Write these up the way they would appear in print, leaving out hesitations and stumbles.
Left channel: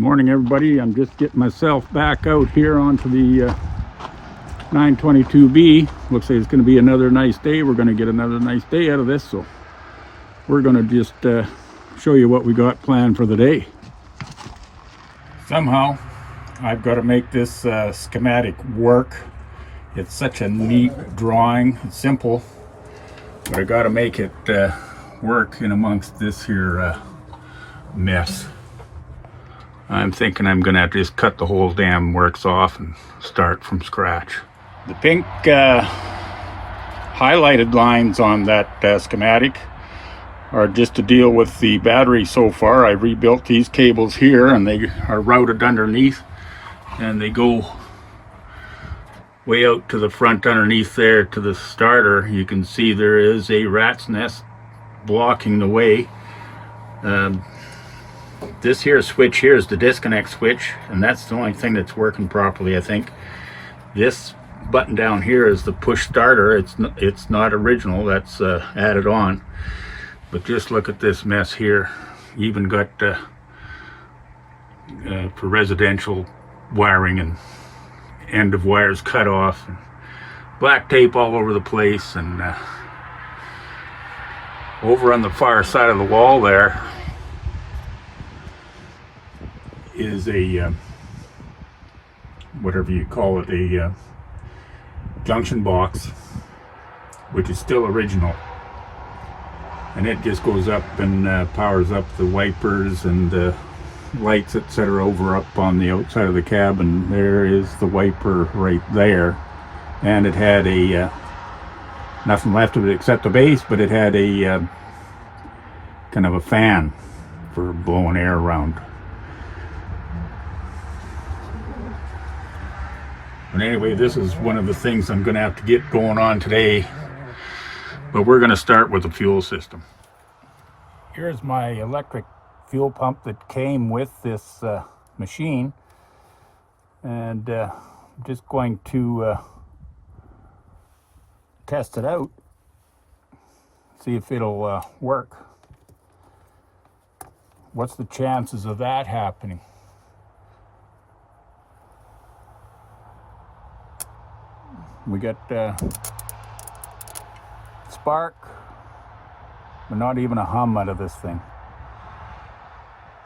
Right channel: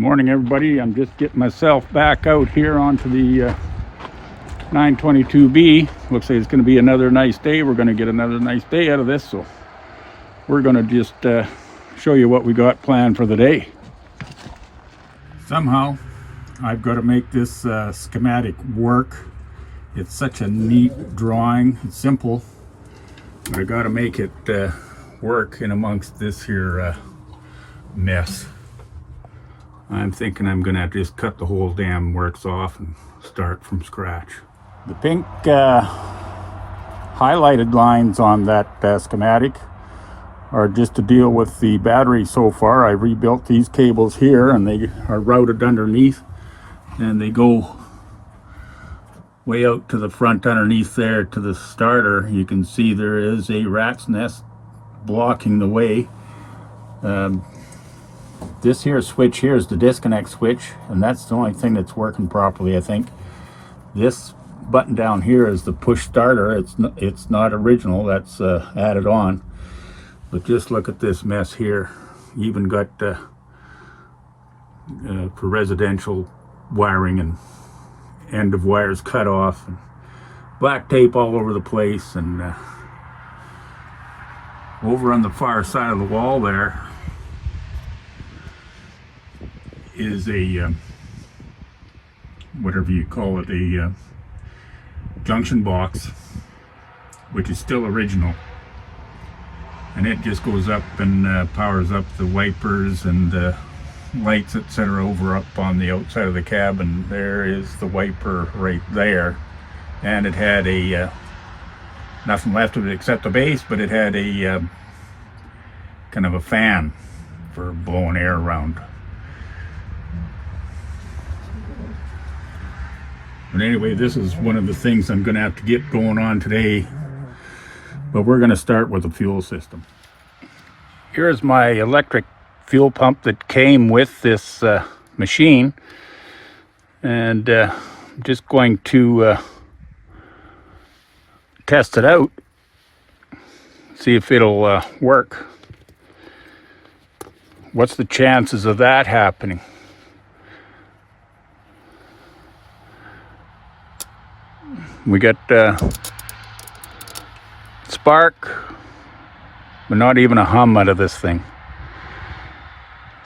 Morning, everybody. I'm just getting myself back out here onto the 922B. Looks like it's going to be another nice day. We're going to get another nice day out of this, so we're going to just show you what we got planned for the day. Somehow I've got to make this schematic work. It's such a neat drawing. It's simple, but I got to make it work in amongst this here mess. I'm thinking I'm gonna have to just cut the whole damn works off and start from scratch. The pink highlighted lines on that schematic are just to deal with the battery so far. I rebuilt these cables here and they are routed underneath and they go way out to the front underneath there to the starter. You can see there is a rat's nest blocking the way. This here switch here is the disconnect switch, and that's the only thing that's working properly, I think. This button down here is the push starter. It's not original, that's added on. But just look at this mess here. Even got for residential wiring and end of wires cut off, and black tape all over the place. And over on the far side of the wall there is a whatever you call it, a junction box, which is still original, and it just goes up and powers up the wipers and the lights, etc. over up on the outside of the cab. And there is the wiper right there, and it had a nothing left of it except the base, but it had a kind of a fan for blowing air around. But anyway, this is one of the things I'm going to have to get going on today. But we're going to start with the fuel system. Here's my electric fuel pump that came with this machine. And I'm just going to test it out. See if it'll work. What's the chances of that happening? We got spark, but not even a hum out of this thing.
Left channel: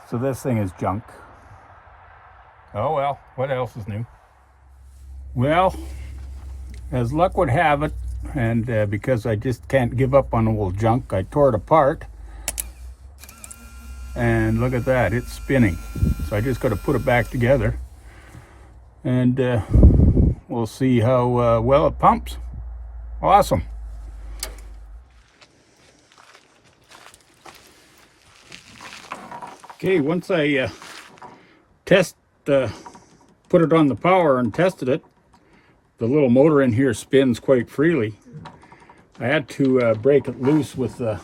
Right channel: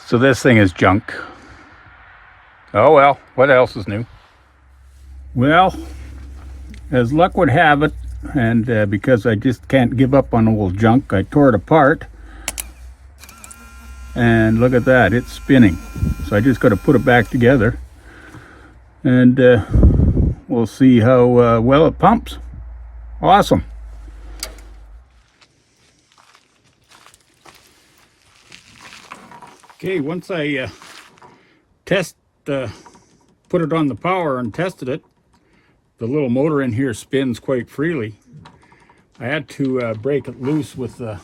So this thing is junk. Oh well, what else is new? Well, as luck would have it, and because I just can't give up on old junk, I tore it apart. And look at that, it's spinning. So I just got to put it back together. And we'll see how well it pumps. Awesome. Okay, once I put it on the power and tested it, the little motor in here spins quite freely. I had to break it loose with a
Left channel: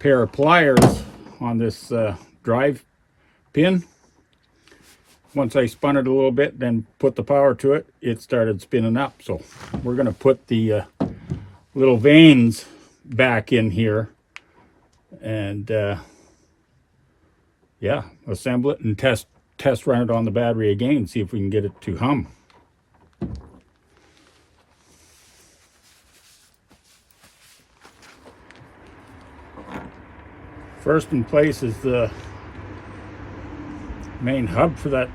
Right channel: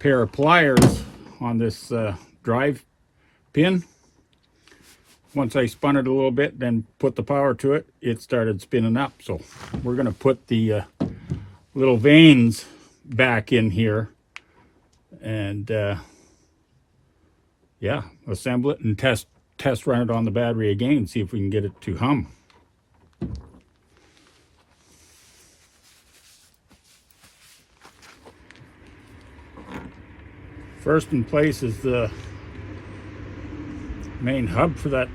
pair of pliers on this drive pin. Once I spun it a little bit, then put the power to it, it started spinning up. So we're going to put the little vanes back in here and yeah, assemble it and test run it on the battery again, see if we can get it to hum. First in place is the main hub for that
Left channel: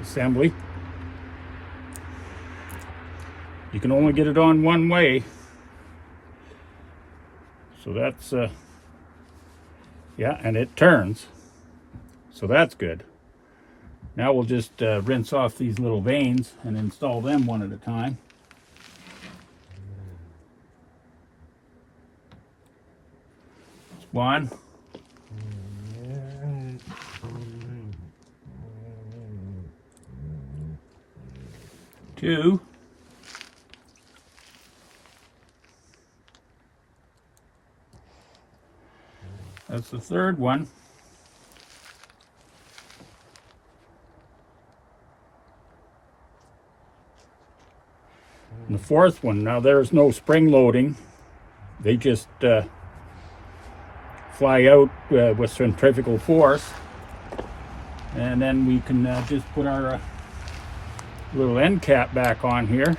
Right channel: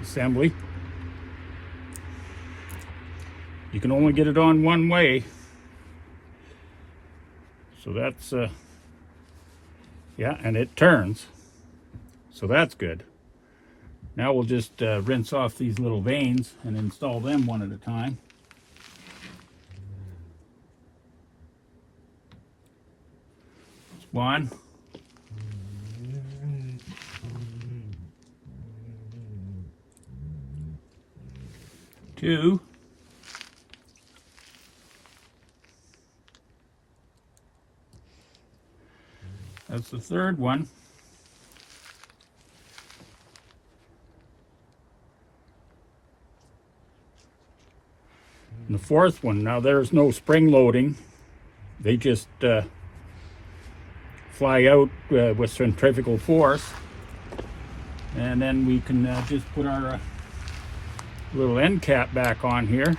assembly. You can only get it on one way, so that's yeah, and it turns, so that's good. Now we'll just rinse off these little vanes and install them one at a time. One. Two. That's the third one. And the fourth one, now there's no spring loading. They just fly out with centrifugal force. And then we can just put our little end cap back on here.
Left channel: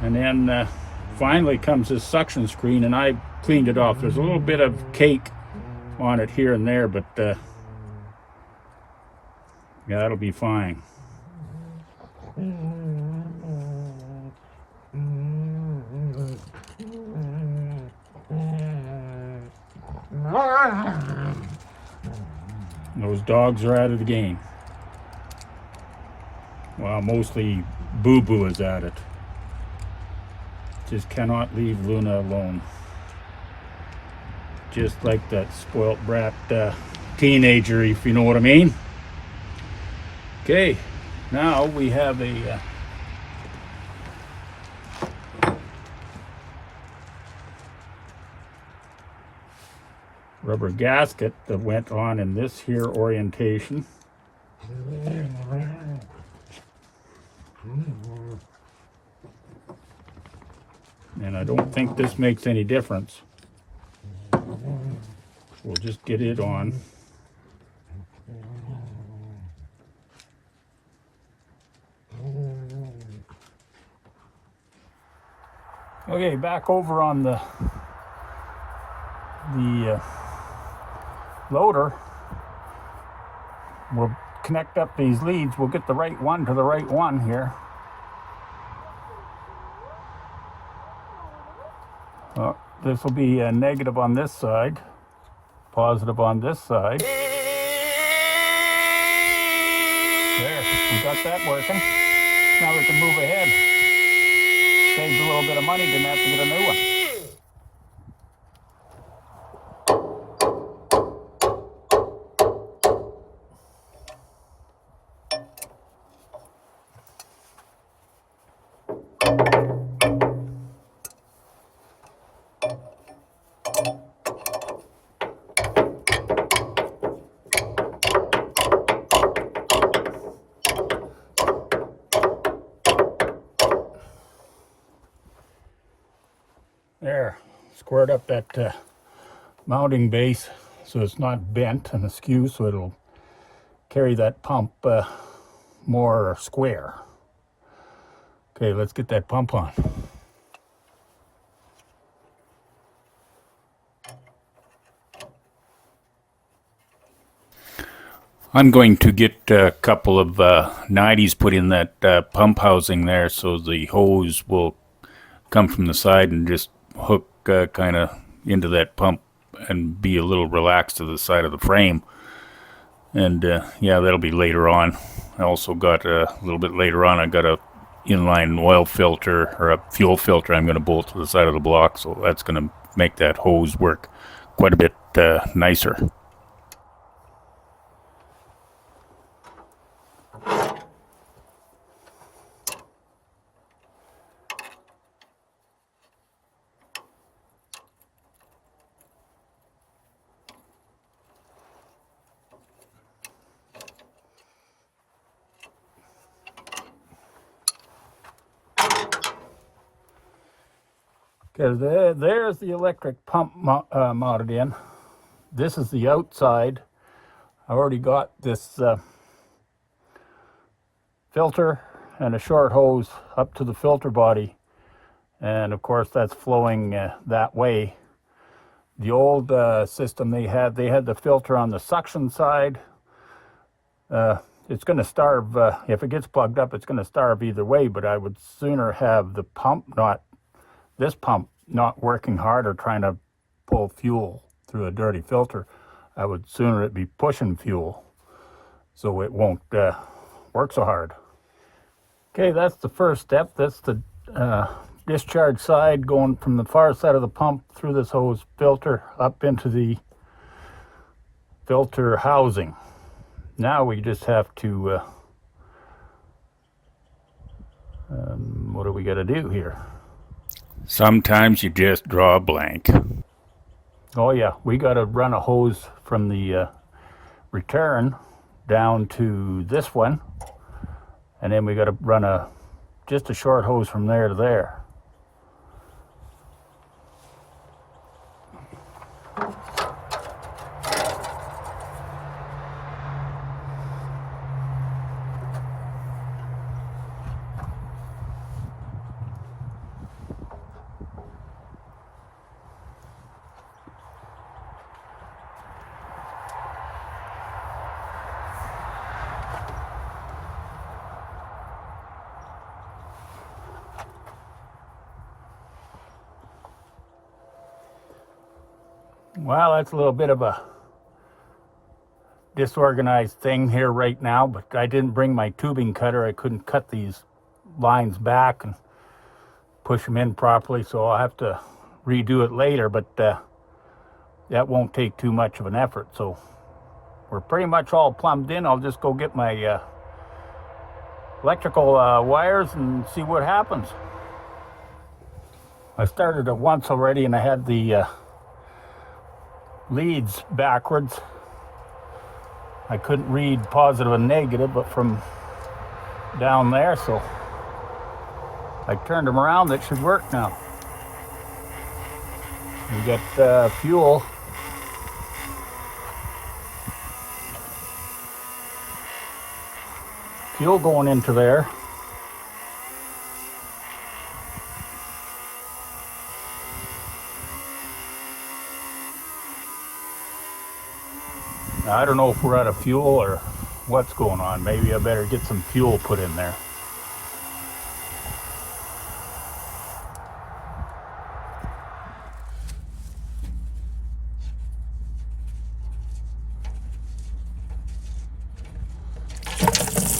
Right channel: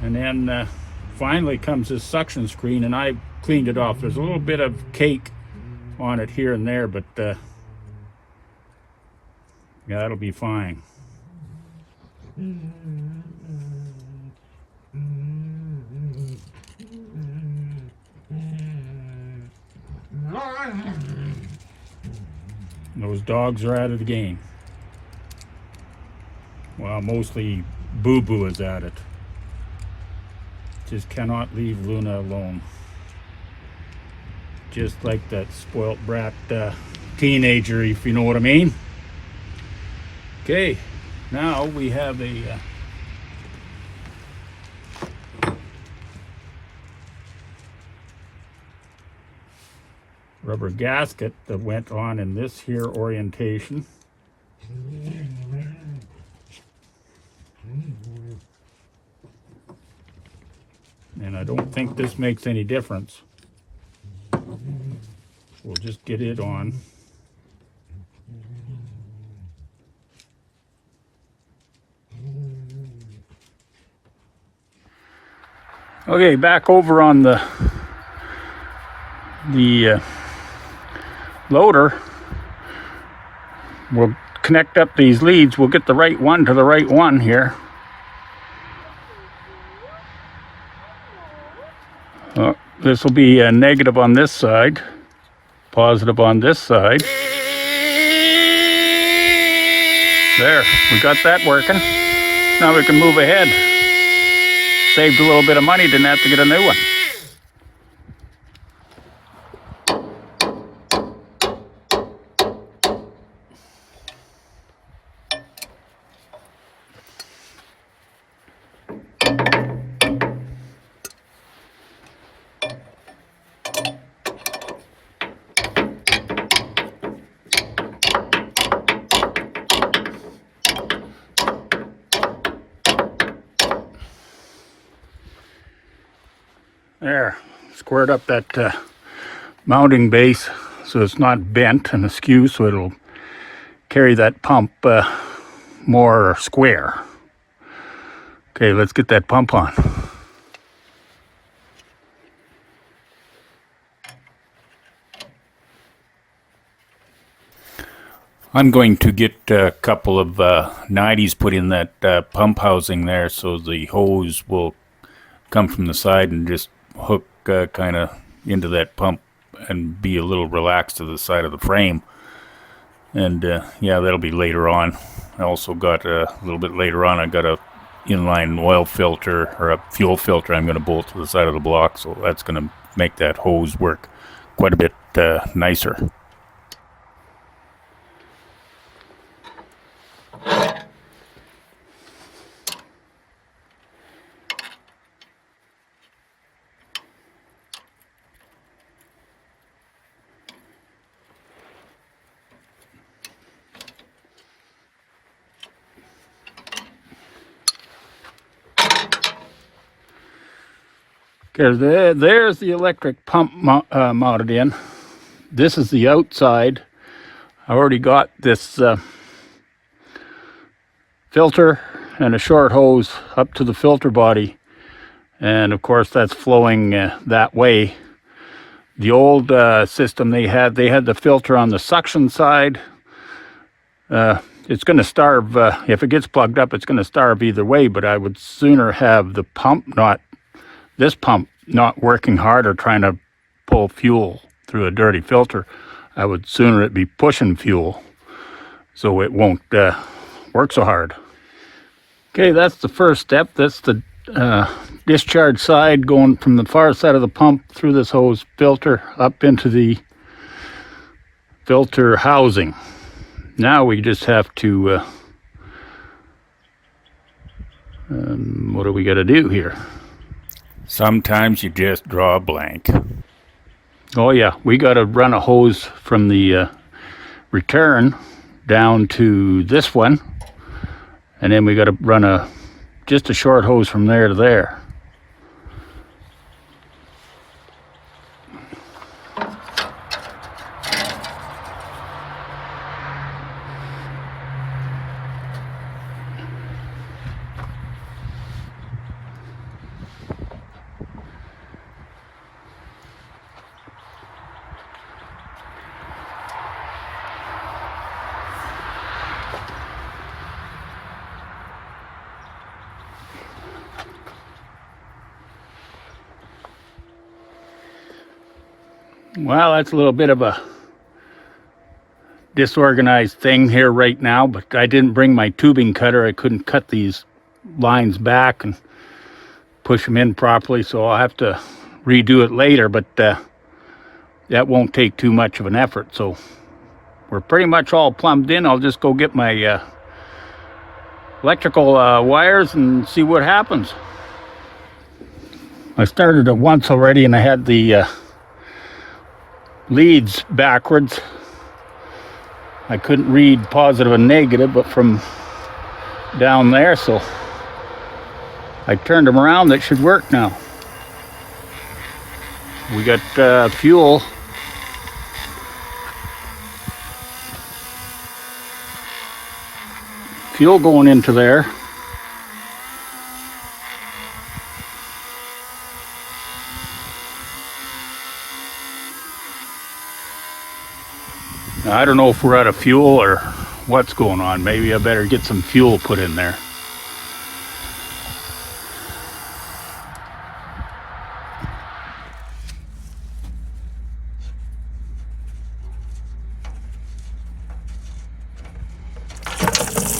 And then finally comes this suction screen, and I cleaned it off. There's a little bit of cake on it here and there, but yeah, that'll be fine. Those dogs are at it again. Well, mostly Boo Boo is at it. Just cannot leave Luna alone. Just like that spoilt brat teenager, if you know what I mean. Okay, now we have a rubber gasket that went on in this here orientation. And I don't think this makes any difference. We'll just get it on. Okay, back over on the loader. We'll connect up these leads. We'll get the right one to the right one here. This will be a negative on this side, positive on this side. There, we got that working. Now we can move ahead. Saved a little bit of money, didn't have to get a new one. There, squared up that mounting base so it's not bent and askew, so it'll carry that pump more square. Okay, let's get that pump on. I'm going to get a couple of 90s put in that pump housing there, so the hose will come from the side and just hook kind of into that pump and be a little relaxed to the side of the frame. And yeah, that'll be later on. I also got a little bit later on, I got a inline oil filter or a fuel filter I'm going to bolt to the side of the block, so that's going to make that hose work quite a bit nicer. There's the electric pump mounted in. This is the outside. I already got this filter and a short hose up to the filter body, and of course that's flowing that way. The old system they had the filter on the suction side. It's going to starve, if it gets plugged up, it's going to starve either way, but I would sooner have the pump this pump not working hard or trying to pull fuel through a dirty filter. I would sooner it be pushing fuel so it won't work so hard. Okay, that's the first step. That's the discharge side going from the far side of the pump through this hose filter up into the filter housing. Now we just have to what do we got to do here? Sometimes you just draw a blank. Oh yeah, we got to run a hose from the return down to this one, and then we got to run just a short hose from there to there. Well, that's a little bit of a disorganized thing here right now, but I didn't bring my tubing cutter. I couldn't cut these lines back and push them in properly, so I'll have to redo it later, but that won't take too much of an effort. So we're pretty much all plumbed in. I'll just go get my electrical wires and see what happens. I started it once already and I had the leads backwards. I couldn't read positive and negative, but from down there, so I turned them around. That should work now. We got fuel. Fuel going into there. I don't know if we're out of fuel or what's going on. Maybe I better get some fuel put in there.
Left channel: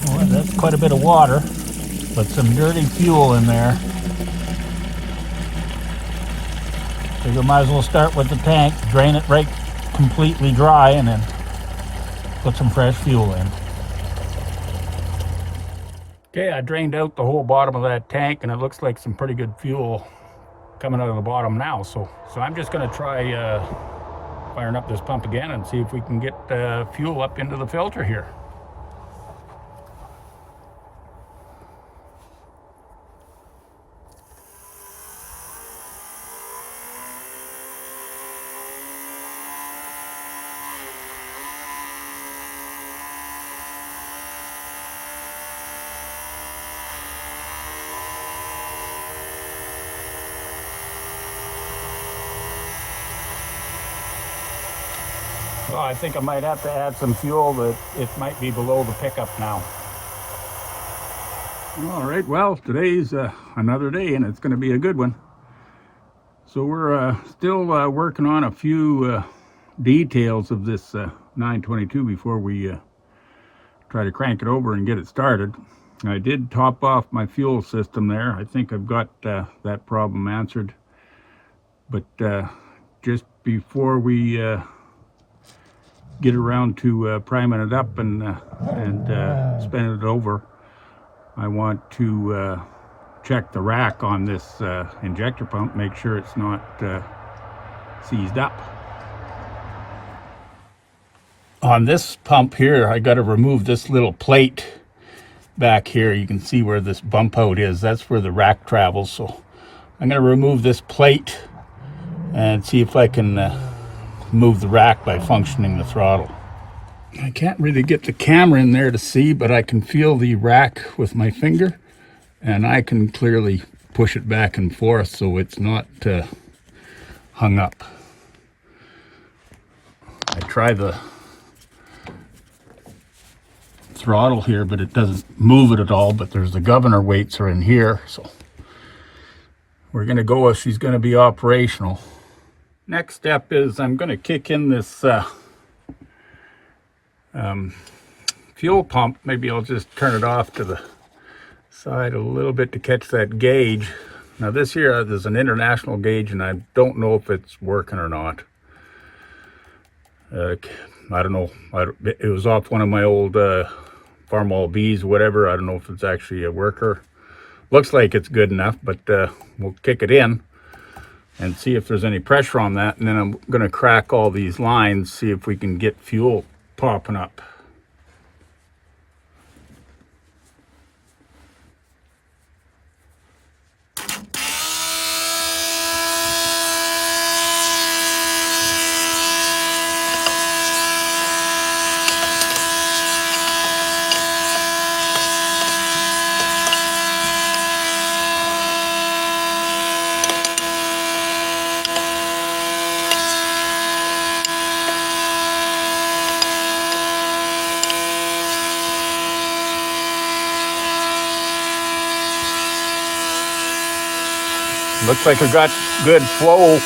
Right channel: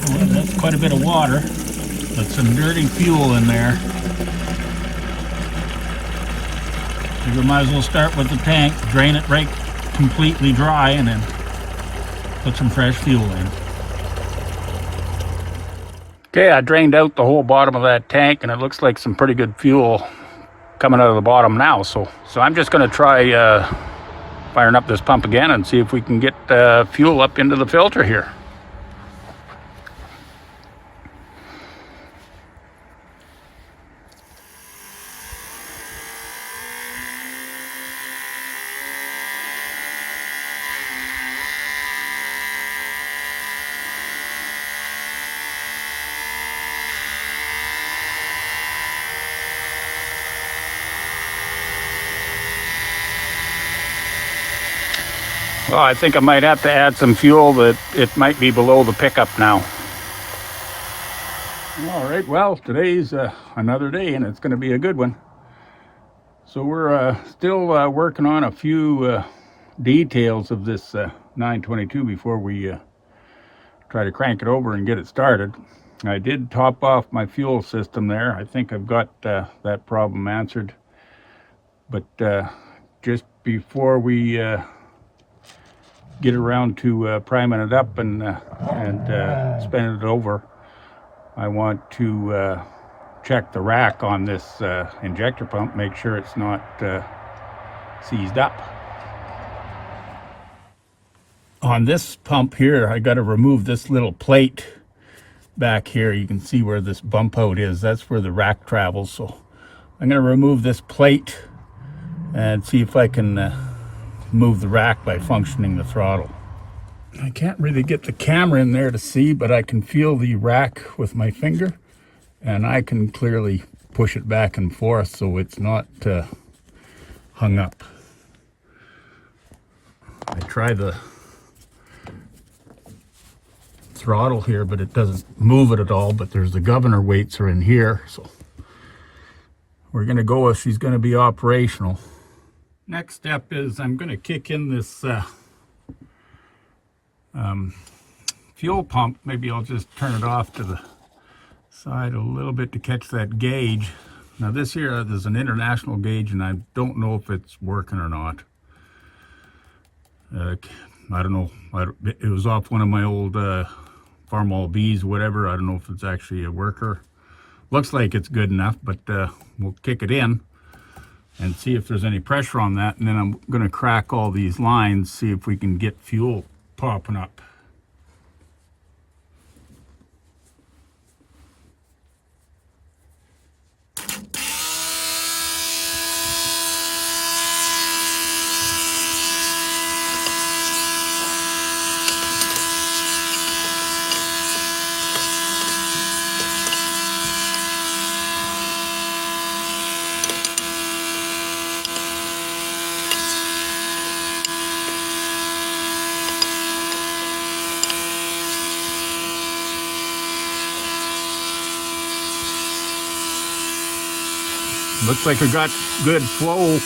Well, that's quite a bit of water, but some dirty fuel in there. So we might as well start with the tank, drain it right completely dry, and then put some fresh fuel in. Okay, I drained out the whole bottom of that tank, and it looks like some pretty good fuel coming out of the bottom now. So I'm just going to try firing up this pump again and see if we can get fuel up into the filter here. Well, I think I might have to add some fuel. That it might be below the pickup now. All right, well, today's another day, and it's going to be a good one. So we're still working on a few details of this 922 before we try to crank it over and get it started. I did top off my fuel system there. I think I've got that problem answered. But just before we get around to priming it up and spinning it over, I want to check the rack on this injector pump, make sure it's not seized up. On this pump here, I got to remove this little plate back here. You can see where this bump out is. That's where the rack travels. So I'm going to remove this plate and see if I can move the rack by functioning the throttle. I can't really get the camera in there to see, but I can feel the rack with my finger, and I can clearly push it back and forth so it's not hung up. I try the throttle here, but it doesn't move it at all. But there's the governor weights are in here, so we're going to go if she's going to be operational. Next step is I'm going to kick in this fuel pump. Maybe I'll just turn it off to the side a little bit to catch that gauge. Now this here, there's an international gauge, and I don't know if it's working or not. I don't know. It was off one of my old Farmall Bs, whatever. I don't know if it's actually a worker. Looks like it's good enough, but we'll kick it in and see if there's any pressure on that. And then I'm going to crack all these lines, see if we can get fuel popping up. Looks like we got good flow.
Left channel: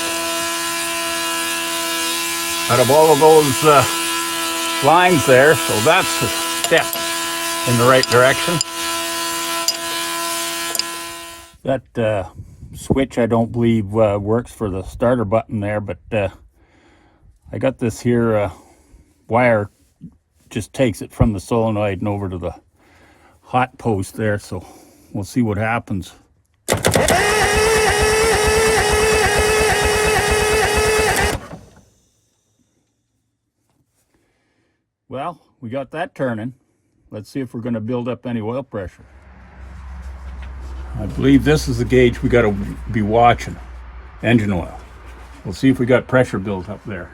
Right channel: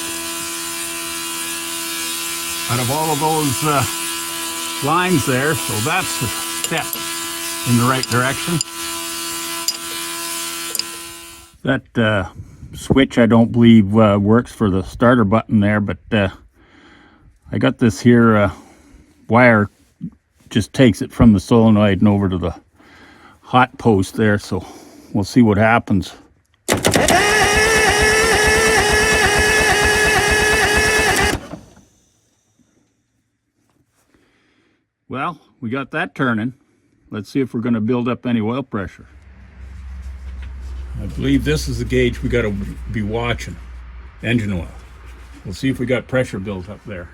out of all of those lines there, so that's a step in the right direction. That switch I don't believe works for the starter button there, but I got this here wire, just takes it from the solenoid and over to the hot post there, so we'll see what happens. Well, we got that turning. Let's see if we're going to build up any oil pressure. I believe this is the gauge we got to be watching, engine oil. We'll see if we got pressure built up there.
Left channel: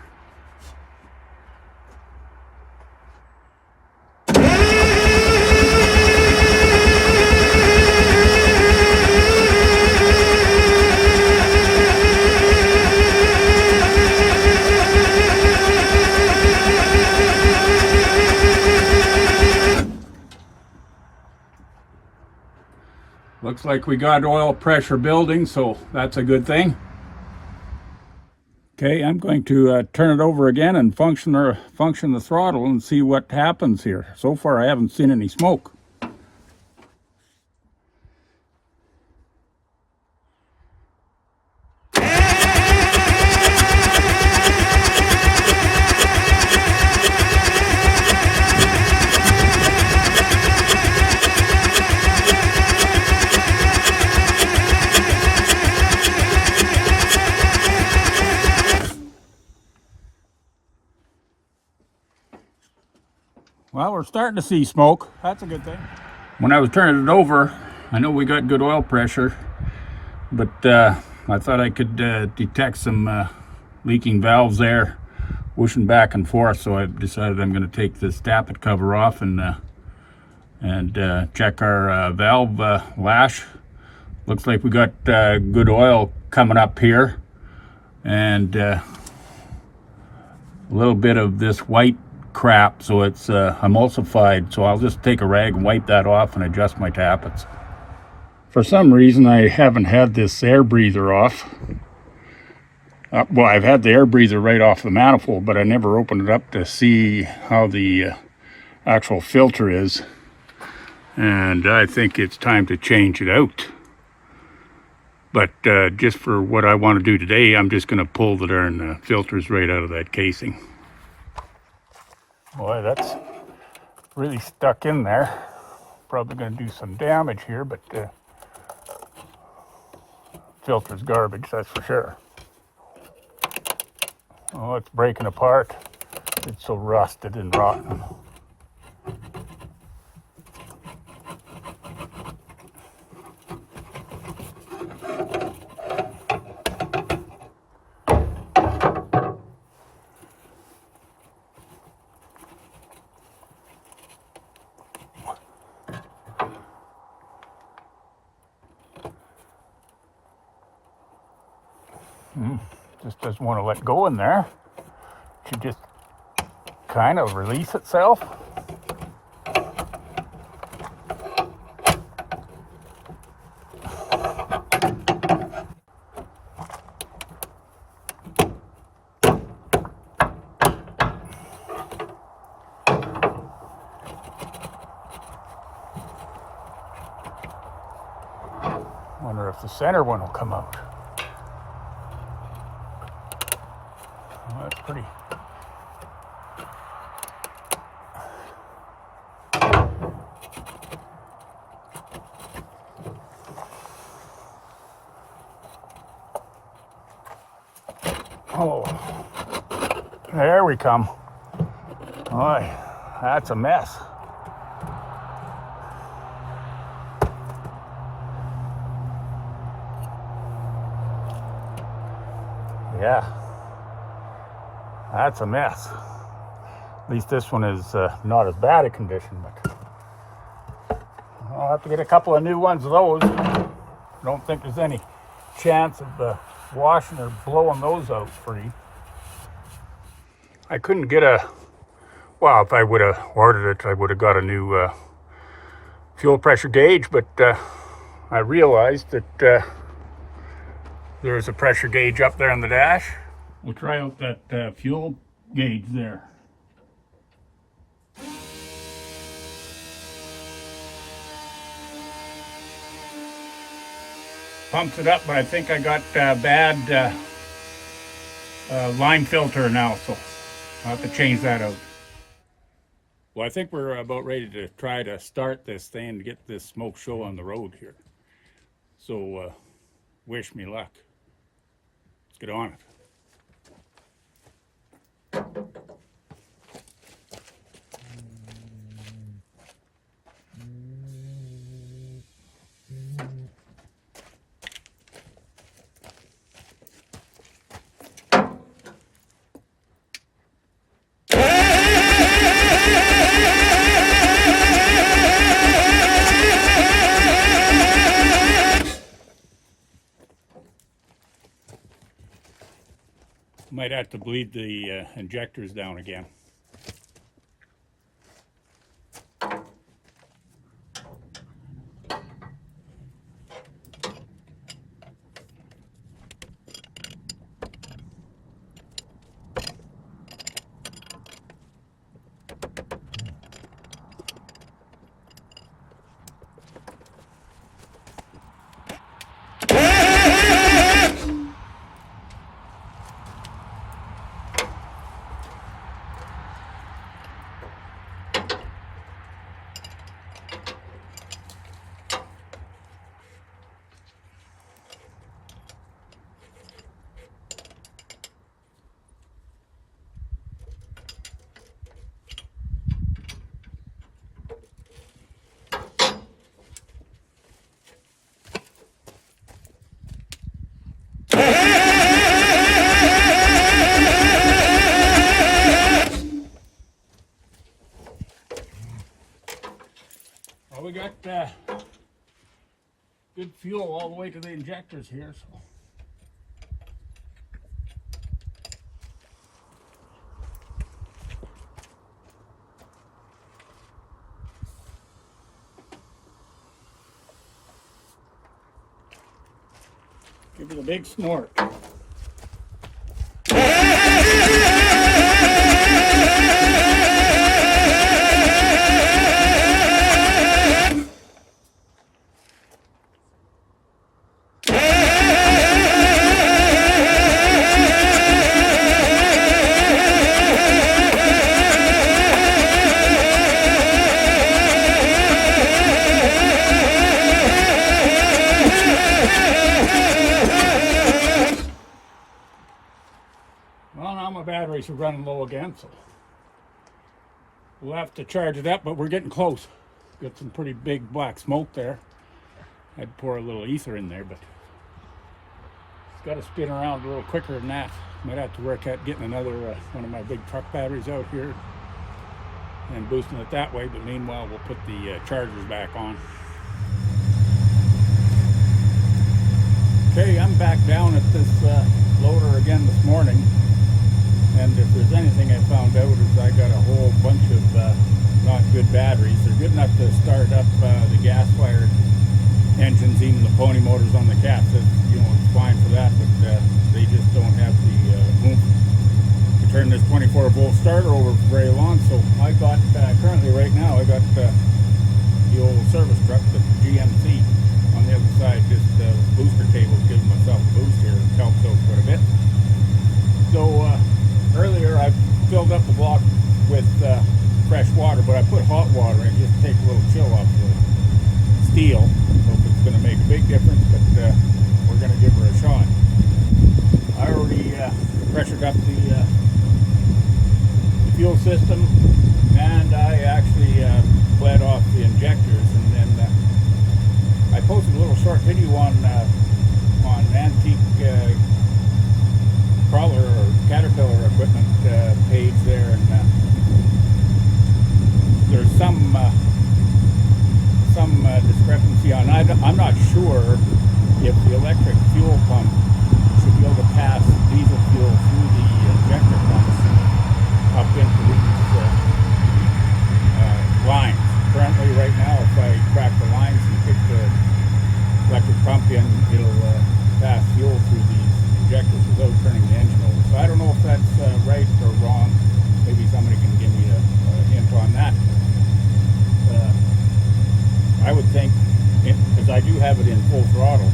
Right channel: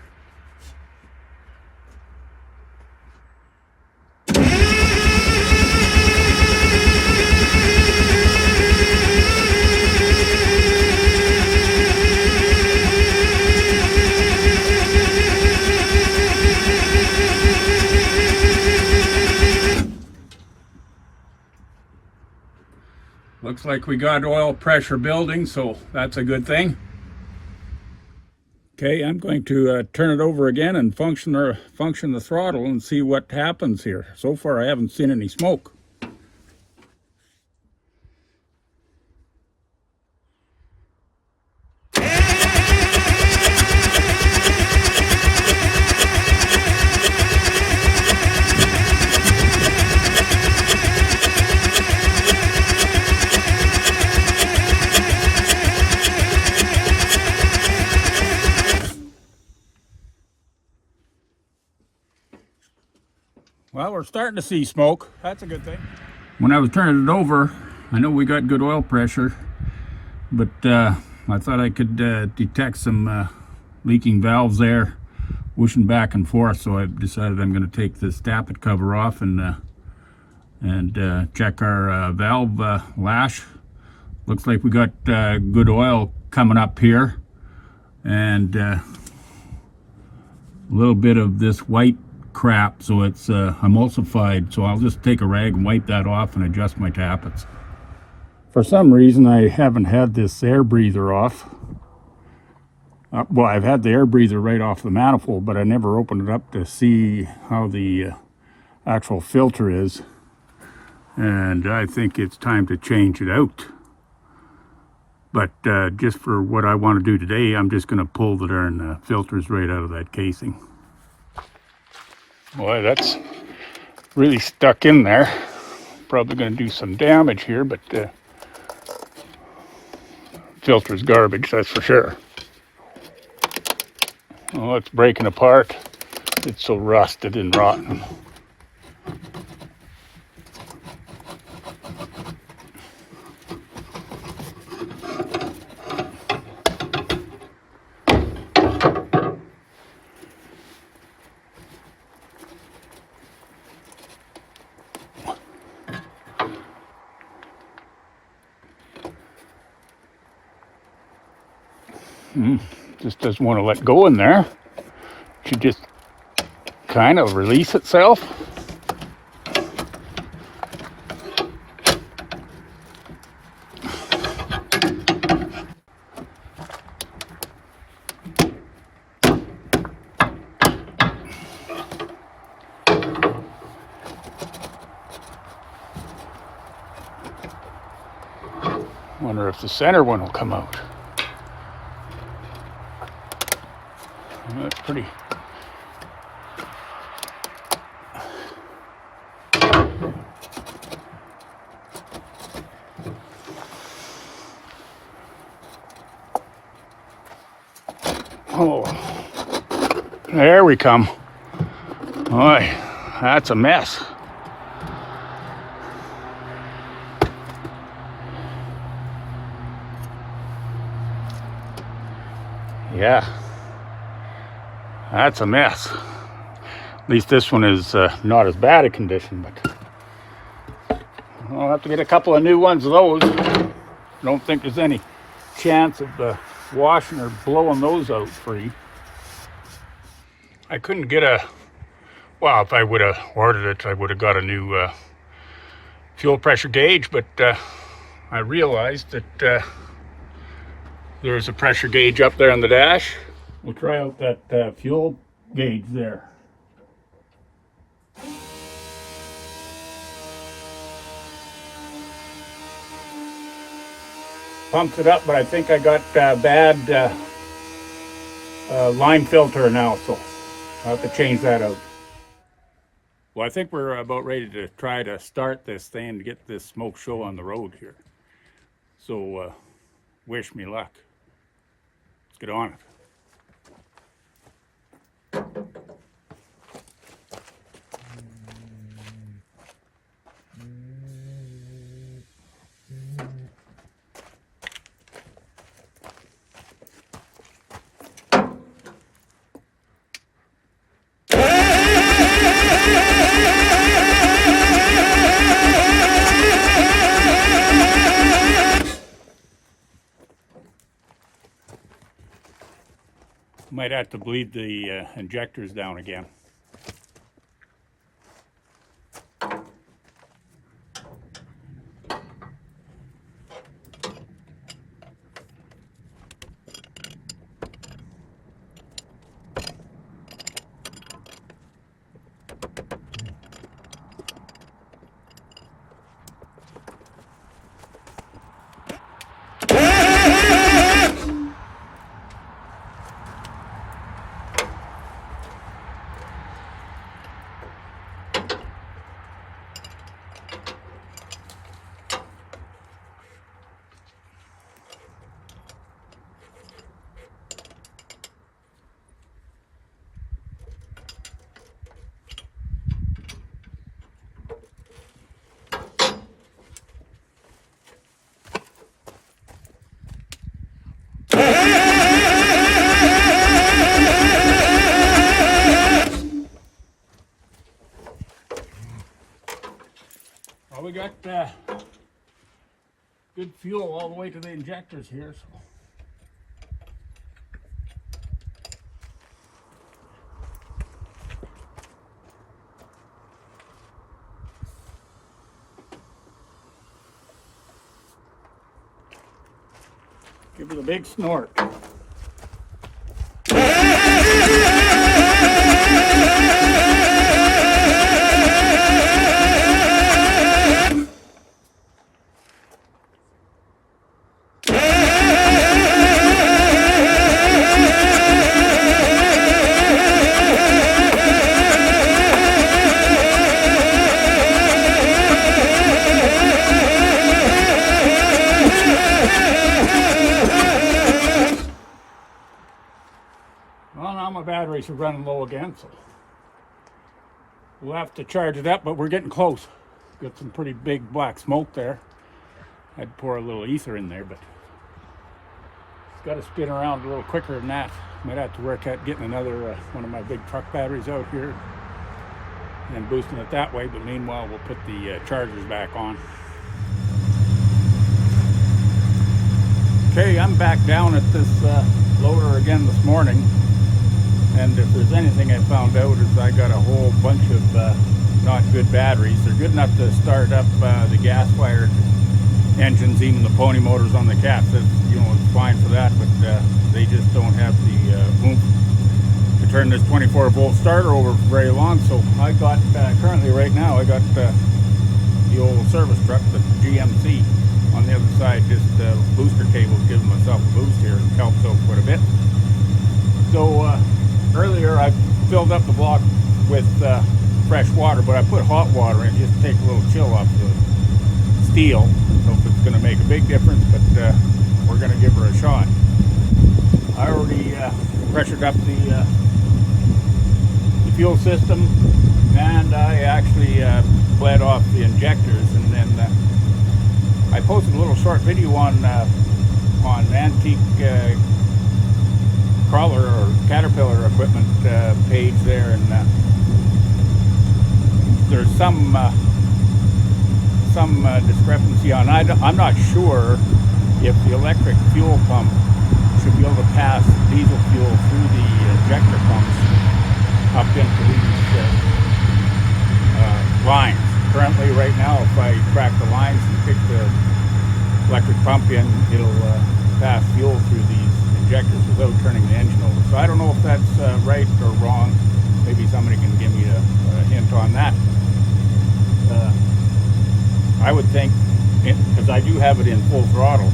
Looks like we got oil pressure building, so that's a good thing. Okay, I'm going to turn it over again and function the throttle and see what happens here. So far I haven't seen any smoke. Well, we're starting to see smoke. That's a good thing. When I was turning it over, I know we got good oil pressure, but I thought I could detect some leaking valves there, whooshing back and forth, so I decided I'm going to take this tappet cover off and check our valve lash. Looks like we got good oil coming up here, and a little bit of this white crap, so it's emulsified, so I'll just take a rag and wipe that off and adjust my tappets. For some reason I haven't had this air breather off. Well, I've had the air breather right off the manifold, but I never opened it up to see how the actual filter is, and I think it's time to change it out. But just for what I want to do today, I'm just going to pull the darn filters right out of that casing. Boy, that's really stuck in there. Probably going to do some damage here, but filter's garbage, that's for sure. Oh, it's breaking apart. It's so rusted and rotten. Just doesn't want to let go in there. It should just kind of release itself. Wonder if the center one will come out. That's pretty. Oh, there we come. Boy, that's a mess. Yeah. That's a mess. At least this one is not as bad a condition, but I'll have to get a couple of new ones of those. I don't think there's any chance of washing or blowing those out free. I couldn't get well, if I would have ordered it, I would have got a new fuel pressure gauge, but I realized that there's a pressure gauge up there on the dash. We'll try out that fuel gauge there. Pumps it up, but I think I got bad line filter now, so I'll have to change that out. Well, I think we're about ready to try to start this thing and get this smoke show on the road here. So wish me luck. Let's get on it. Might have to bleed the injectors down again. Well, we got good fuel all the way to the injectors here, so. Give it a big snort. Well, now my batteries are running low again, so we'll have to charge it up, but we're getting close. Got some pretty big black smoke there. I'd pour a little ether in there, but it's got to spin around a little quicker than that. Might have to work at getting another one of my big truck batteries out here and boosting it that way, but meanwhile we'll put the chargers back on. Okay, I'm back down at this loader again this morning. And if there's anything I found out is I got a whole bunch of not good batteries. They're good enough to start up the gas-fired engines, even the pony motors on the cats. That's, you know, it's fine for that, but they just don't have the oomph to turn this 24-volt starter over for very long. So I got currently right now I got the old service truck, the GMC, on the other side. Just booster cables, giving myself a boost here. It helps out quite a bit. So earlier I filled up the block with fresh water, but I put hot water in just to take a little chill off the steel. I don't know if it's going to make a big difference, but we're going to give her a shot. I already pressured up the fuel system, and I actually bled off the injectors, and then I posted a little short video on antique crawler or caterpillar equipment page there, and there's some discrepancy on. I'm not sure if the electric fuel pump should be able to pass diesel fuel through the injector pumps up into these lines. Currently, right now, if I crack the lines and kick the electric pump in, it'll pass fuel through these injectors without turning the engine over. So I don't know if that's right or wrong. Maybe somebody can give me a hint on that. I would think, because I do have it in full throttle,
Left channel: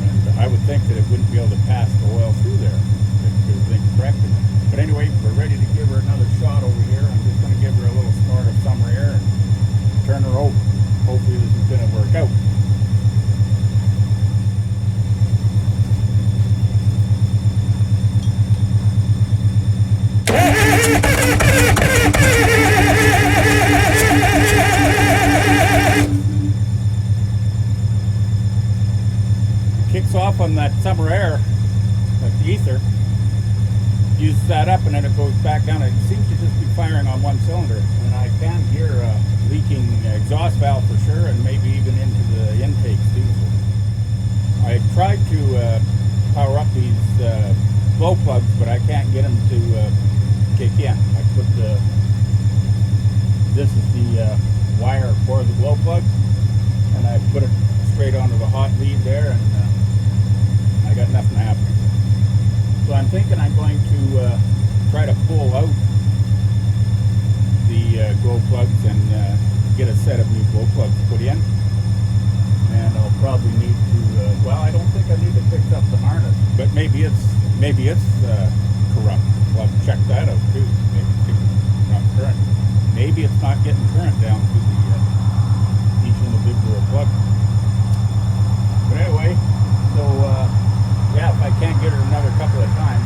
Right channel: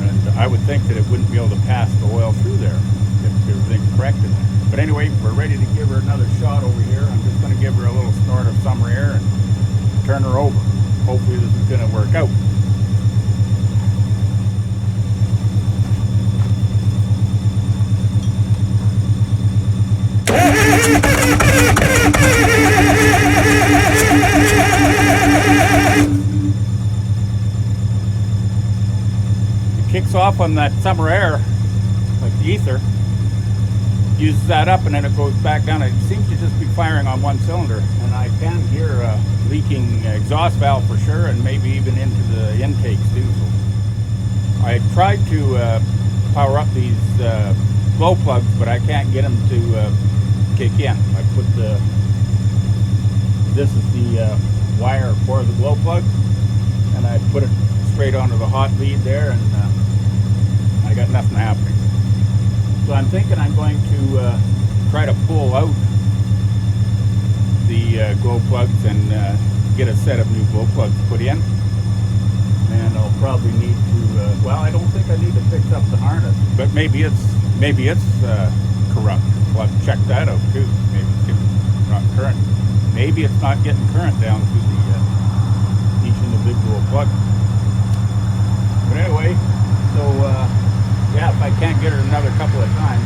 and I would think that it wouldn't be able to pass the oil through there if everything's corrected. But anyway, we're ready to give her another shot over here. I'm just going to give her a little snort of summer air and turn her over. Hopefully this is going to work out. Kicks off on that summer air, like the ether, uses that up and then it goes back down. It seems to just be firing on one cylinder, and I can hear a leaking exhaust valve for sure, and maybe even into the intakes too. So I tried to power up these glow plugs, but I can't get them to kick in. I put this is the wire for the glow plug, and I put it straight onto the hot lead there, and I got nothing happening. So I'm thinking I'm going to try to pull out the glow plugs and get a set of new glow plugs put in. And I'll probably need to, well, I don't think I need to fix up the harness, but maybe it's corrupt. Well, I'll check that out too. Maybe it's not current. Maybe it's not getting current down to each individual plug. But anyway, so yeah, if I can't get her another couple of times,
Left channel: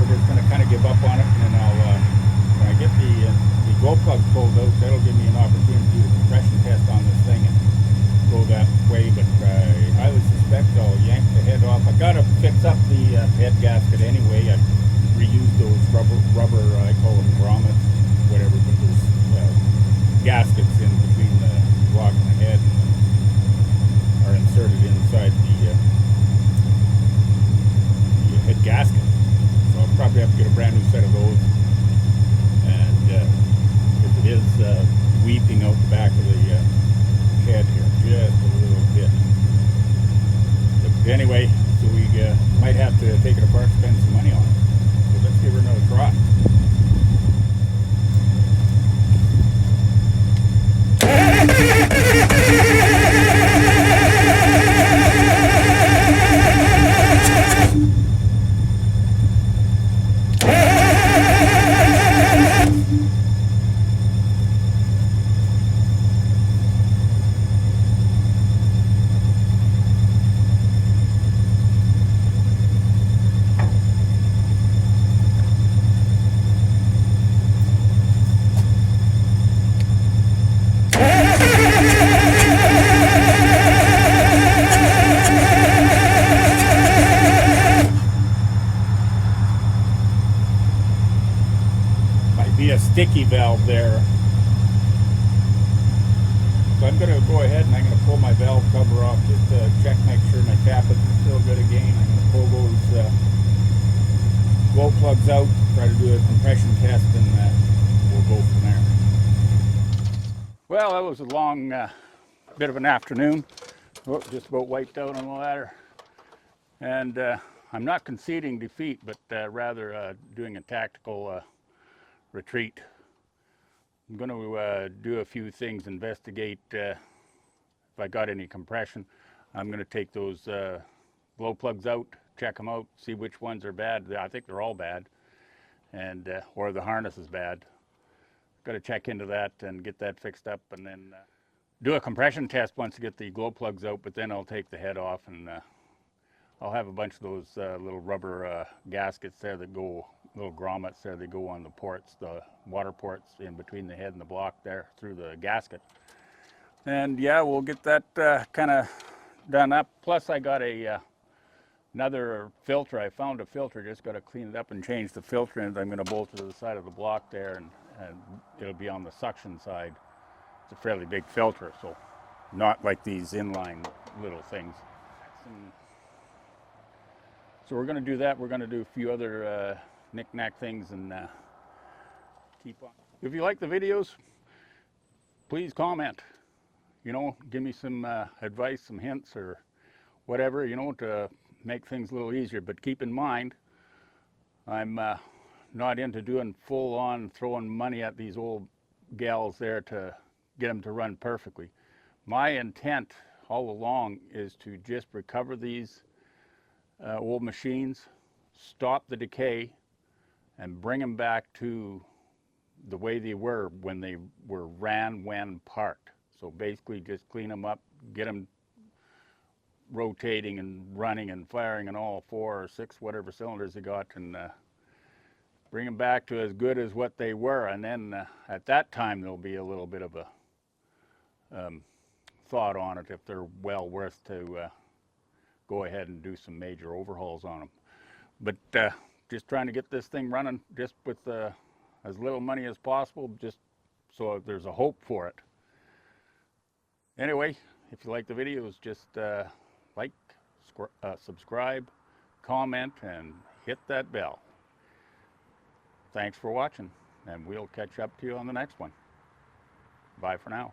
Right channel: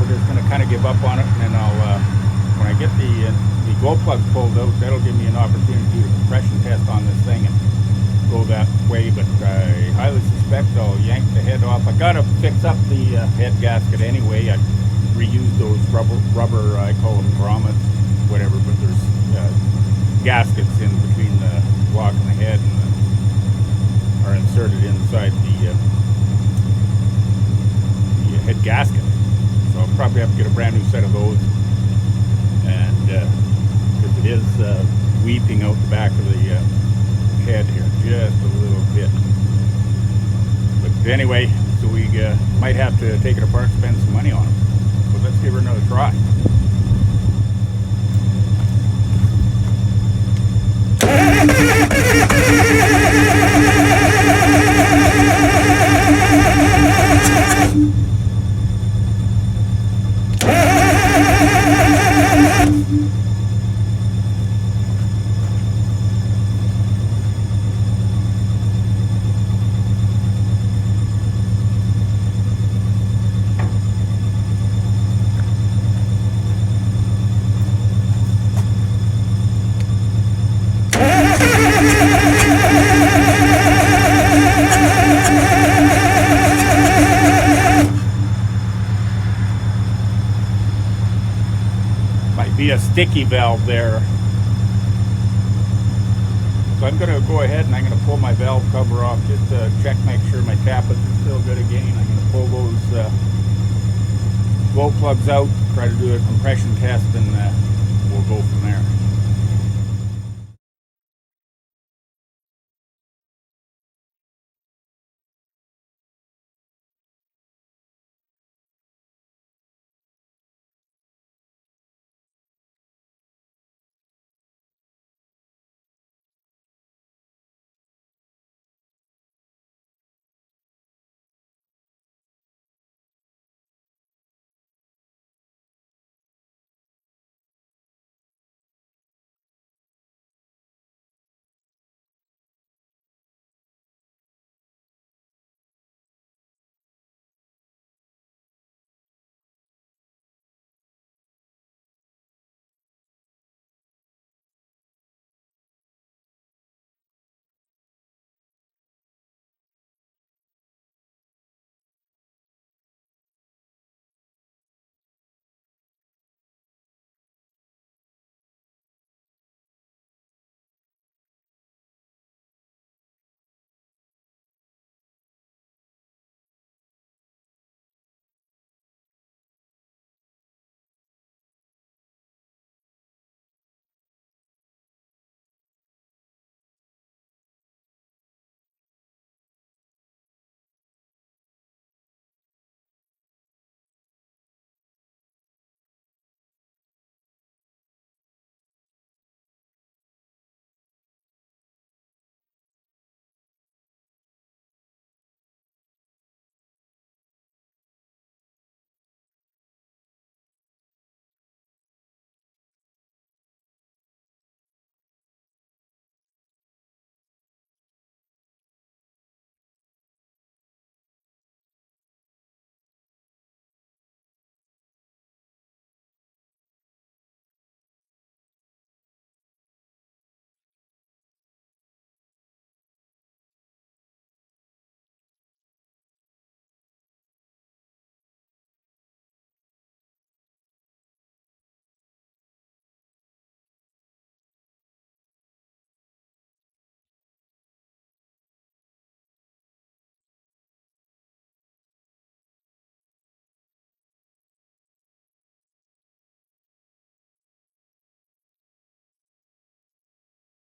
we're just going to kind of give up on it, and then I'll, when I get the glow plugs pulled out, that'll give me an opportunity to do a compression test on this thing and go that way. But I highly suspect I'll yank the head off. I got to fix up the head gasket anyway. I reused those rubber, I call them grommets, whatever, but there's gaskets in between the block and the head, and are inserted inside the head gasket. So I'll probably have to get a brand new set of those, and because it is weeping out the back of the head here just a little bit. But anyway, so we might have to take it apart and spend some money on it. So let's give her another try. Be a sticky valve there. So I'm going to go ahead and I'm going to pull my valve cover off just to check, make sure my tappets are still good again. I'm going to pull those glow plugs out, try to do a compression test, and we'll go from there. Well, that was a long bit of an afternoon. Oh, just about wiped out on the ladder. And I'm not conceding defeat, but rather doing a tactical retreat. I'm going to do a few things, investigate if I got any compression. I'm going to take those glow plugs out, check them out, see which ones are bad. I think they're all bad, and or the harness is bad. Got to check into that and get that fixed up, and then do a compression test once I get the glow plugs out, but then I'll take the head off, and I'll have a bunch of those little rubber gaskets there that go, little grommets there, they go on the ports, the water ports in between the head and the block there through the gasket. And yeah, we'll get that kind of done up. Plus I got another filter. I found a filter, just got to clean it up and change the filter, and I'm going to bolt it to the side of the block there, and it'll be on the suction side. It's a fairly big filter, so not like these inline little things. So we're going to do that. We're going to do a few other knick-knack things and keep on. If you like the videos, please comment. You know, give me some advice, some hints, or whatever, you know, to make things a little easier. But keep in mind, I'm not into doing full-on throwing money at these old gals there to get them to run perfectly. My intent all along is to just recover these old machines, stop the decay, and bring them back to the way they were when they were ran when parked. So basically just clean them up, get them rotating and running and firing and all 4 or 6 whatever cylinders they got, and bring them back to as good as what they were. And then at that time there'll be a little bit of a thought on it if they're well worth to go ahead and do some major overhauls on them. But just trying to get this thing running just with as little money as possible, just so there's a hope for it. Anyway, if you like the videos, just like, subscribe, comment, and hit that bell. Thanks for watching, and we'll catch up to you on the next one. Bye for now.